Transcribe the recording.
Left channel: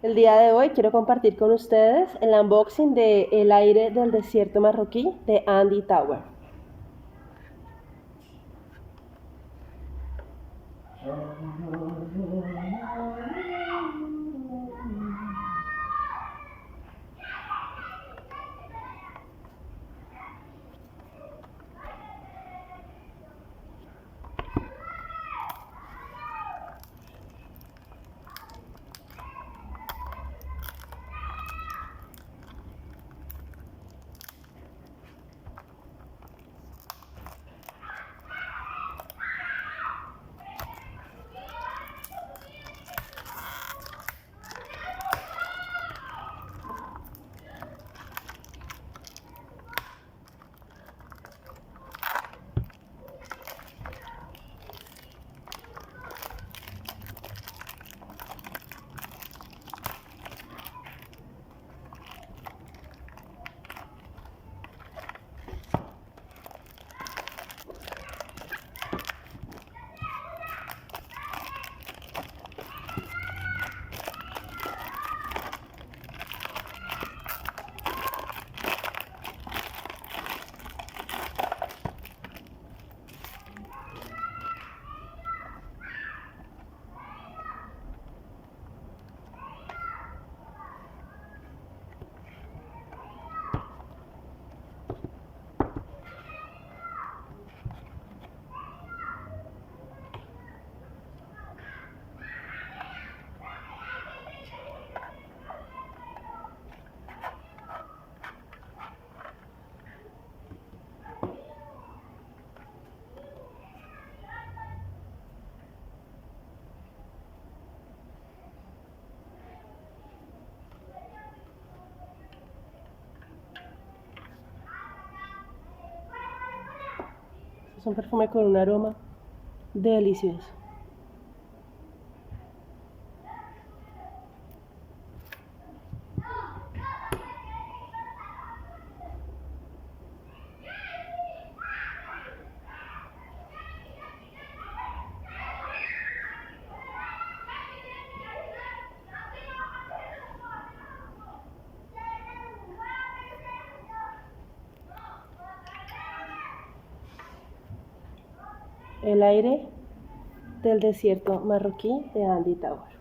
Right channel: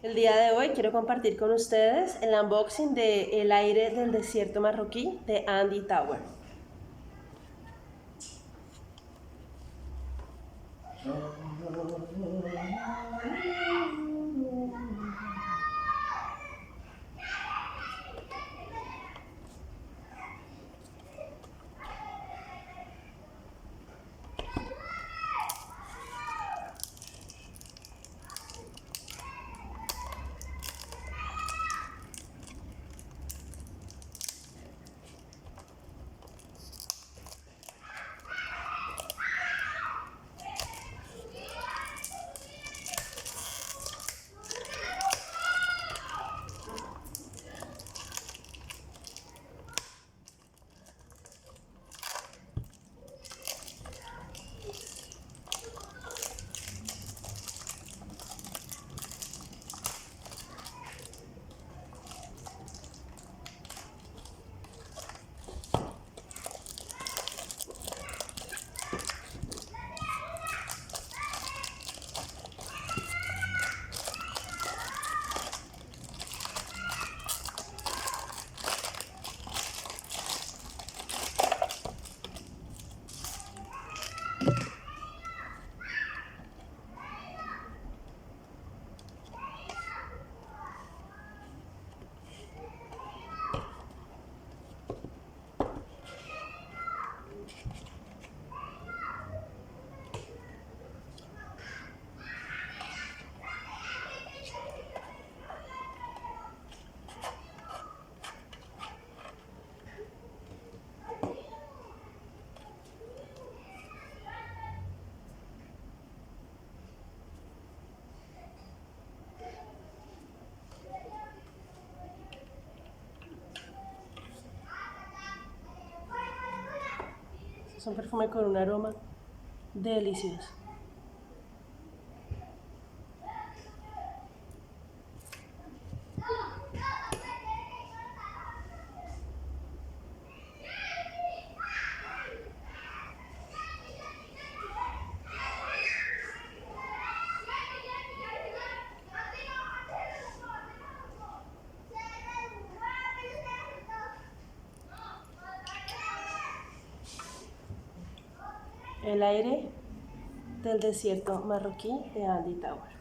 El día de hoy quiero compartir con ustedes el unboxing de El aire del desierto marroquí de Andy Tauer. Es un perfume con un aroma delicioso. El aire del desierto marroquí de Andy Tauer.